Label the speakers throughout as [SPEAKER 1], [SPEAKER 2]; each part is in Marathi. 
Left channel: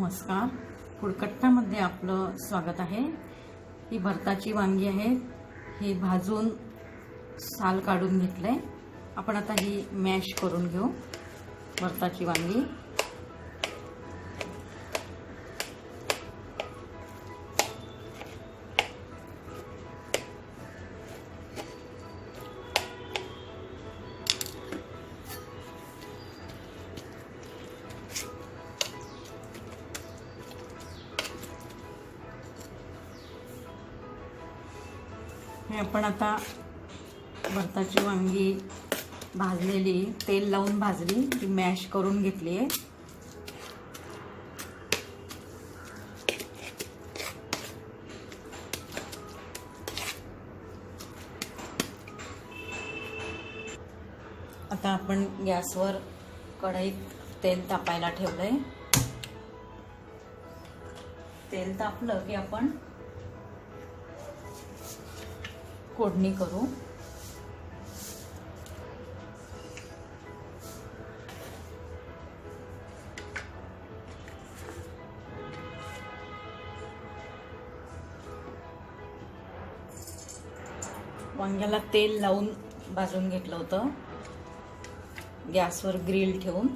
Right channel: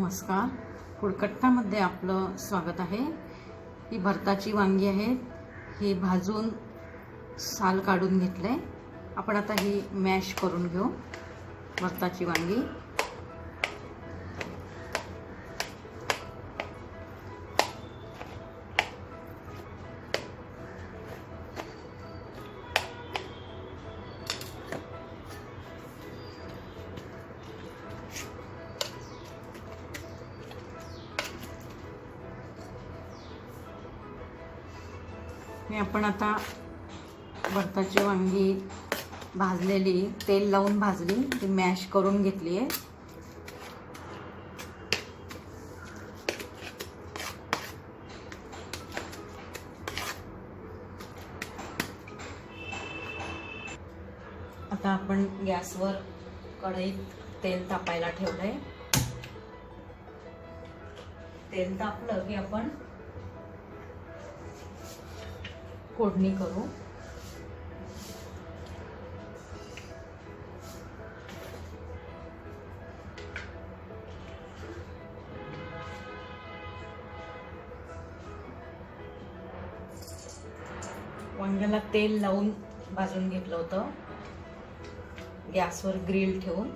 [SPEAKER 1] नमस्कार. कुडकट्टामध्ये आपलं स्वागत आहे. ही भरताची वांगी आहेत ही भाजून साल काढून घेतलं आहे आपण आता ही मॅश करून घेऊ भरताची वांगी. हे आपण आता भरताची वांगी भाजलेली तेल लावून भाजली ती मॅश करून घेतली. आहे आता आपण गॅसवर कढईत तेल तापायला ठेवलं आहे तेल तापलं की आपण फोडणी करू. वांग्याला तेल लावून भाजून घेतलं होतं. गॅसवर ग्रिल ठेवून.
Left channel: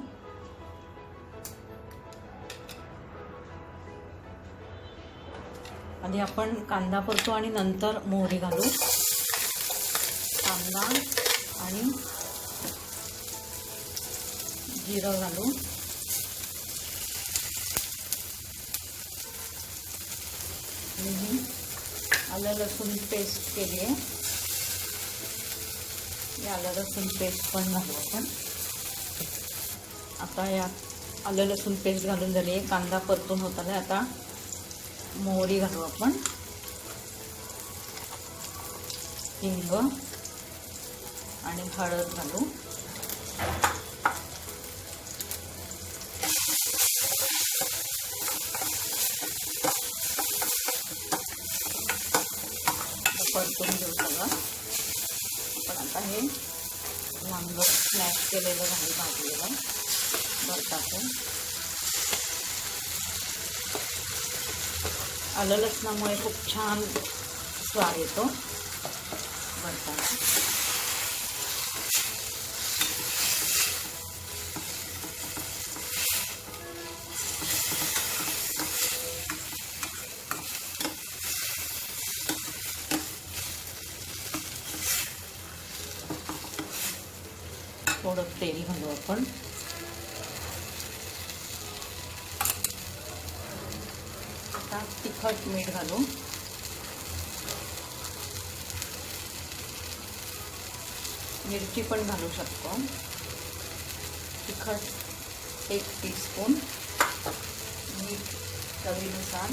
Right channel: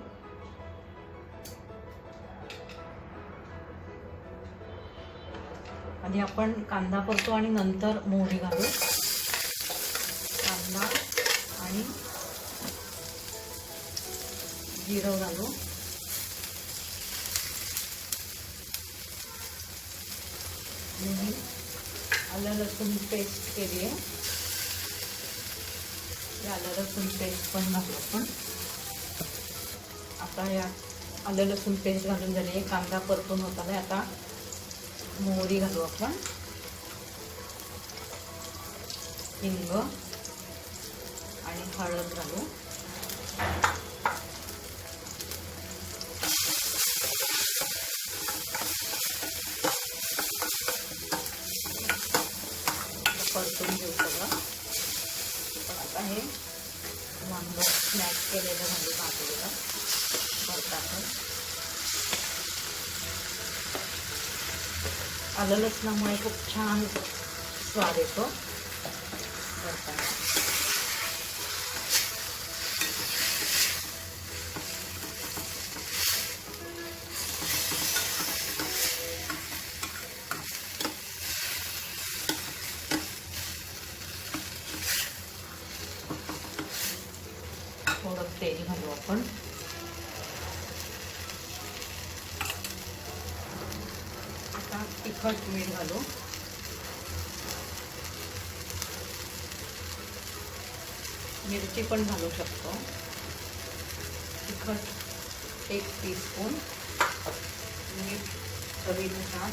[SPEAKER 1] आधी आपण कांदा परतो आणि नंतर मोहरी घालू. कांदा आणि जिरं घालू आणि ही आलं लसूण पेस्ट केली आहे. आलं लसूण पेस्ट पण घालू आपण. आता या आलं लसूण पेस्ट घालून झाली आहे. कांदा परतून होत आला आता मोहरी घालू आपण. हिंग. आणि हळद घालू परतून घेऊ सगळं पण आता हे लांब स्मॅश केलेलं घालू भाजलेलं भरताचं आलं लसणामुळे खूप छान स्वाद येतो भरताचा थोडं तेल घालू आपण तिखट मीठ घालू मिरची पण घालू शकतो. तिखट एक टीस्पून मीठ चवीनुसार.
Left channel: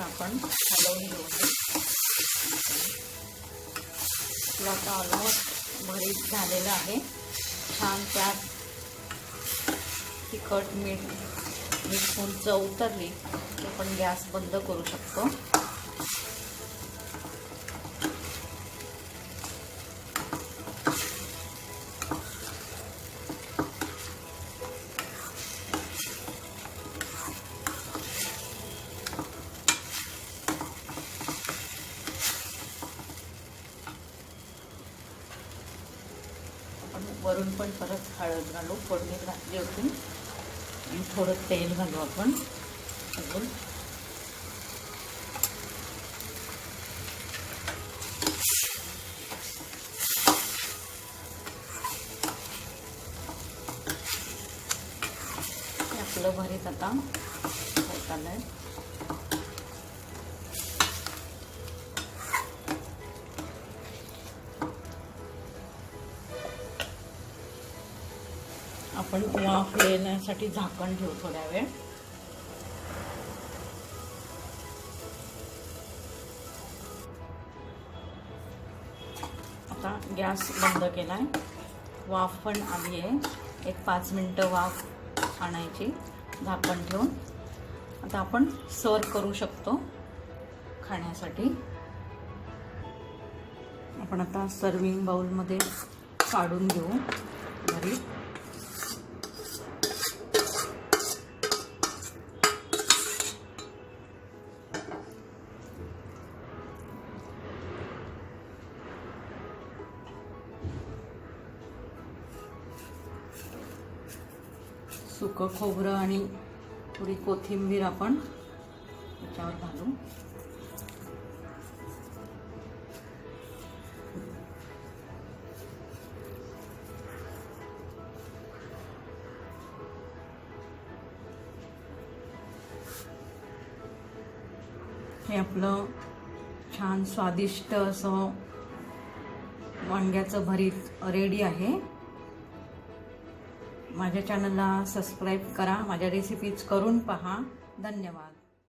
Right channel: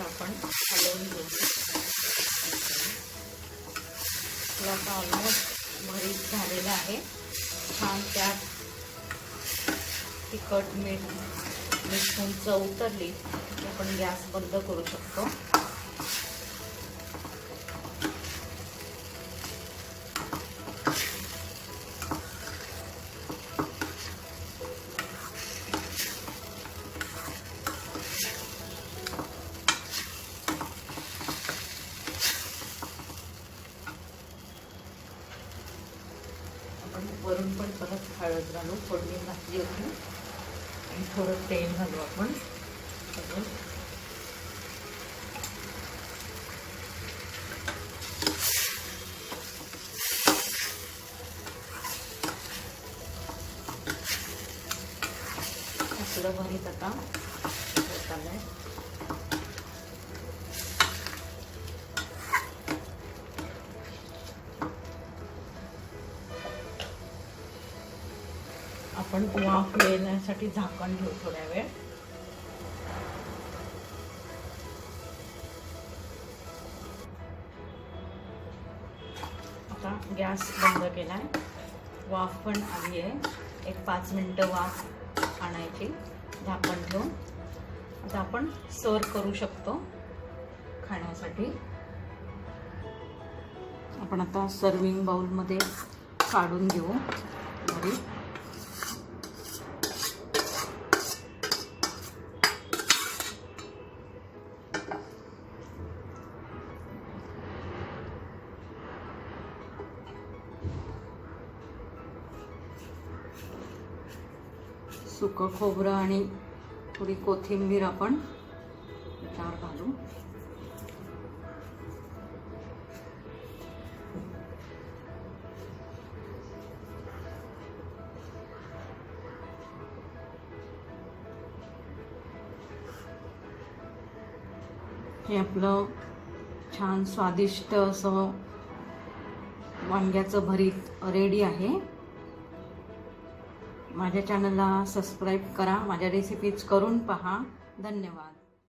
[SPEAKER 1] आपण हलवून घेऊ. आपला ऑलमोस्ट भरीत झालेलं आहे. छान त्यात तिखट मीठ मिठून चव उतरली की आपण गॅस बंद करू शकतो आपण वरून पण परत हळद घालू फोडणी घातली होती. आणि थोडं तेल घालू आपण. अजून. आपलं भरीत आता. होताना आपण वाफ फुलण्यासाठी झाकण ठेवू थोड्या वेळ. आता गॅस बंद केला आहे वाफ पण आली आहे. एक पाच मिनटं वाफ आणायची. झाकण ठेवून. आता आपण सर्व करू शकतो खाण्यासाठी. आपण आता सर्विंग बाउलमध्ये काढून घेऊ. घरी. सुकं खोबरं आणि थोडी कोथिंबीर आपण त्याच्यावर घालू. हे आपलं छान स्वादिष्ट असं वांग्याचं भरीत रेडी आहे. माझ्या चॅनलला सबस्क्राईब करा. माझ्या रेसिपीज करून पहा. धन्यवाद.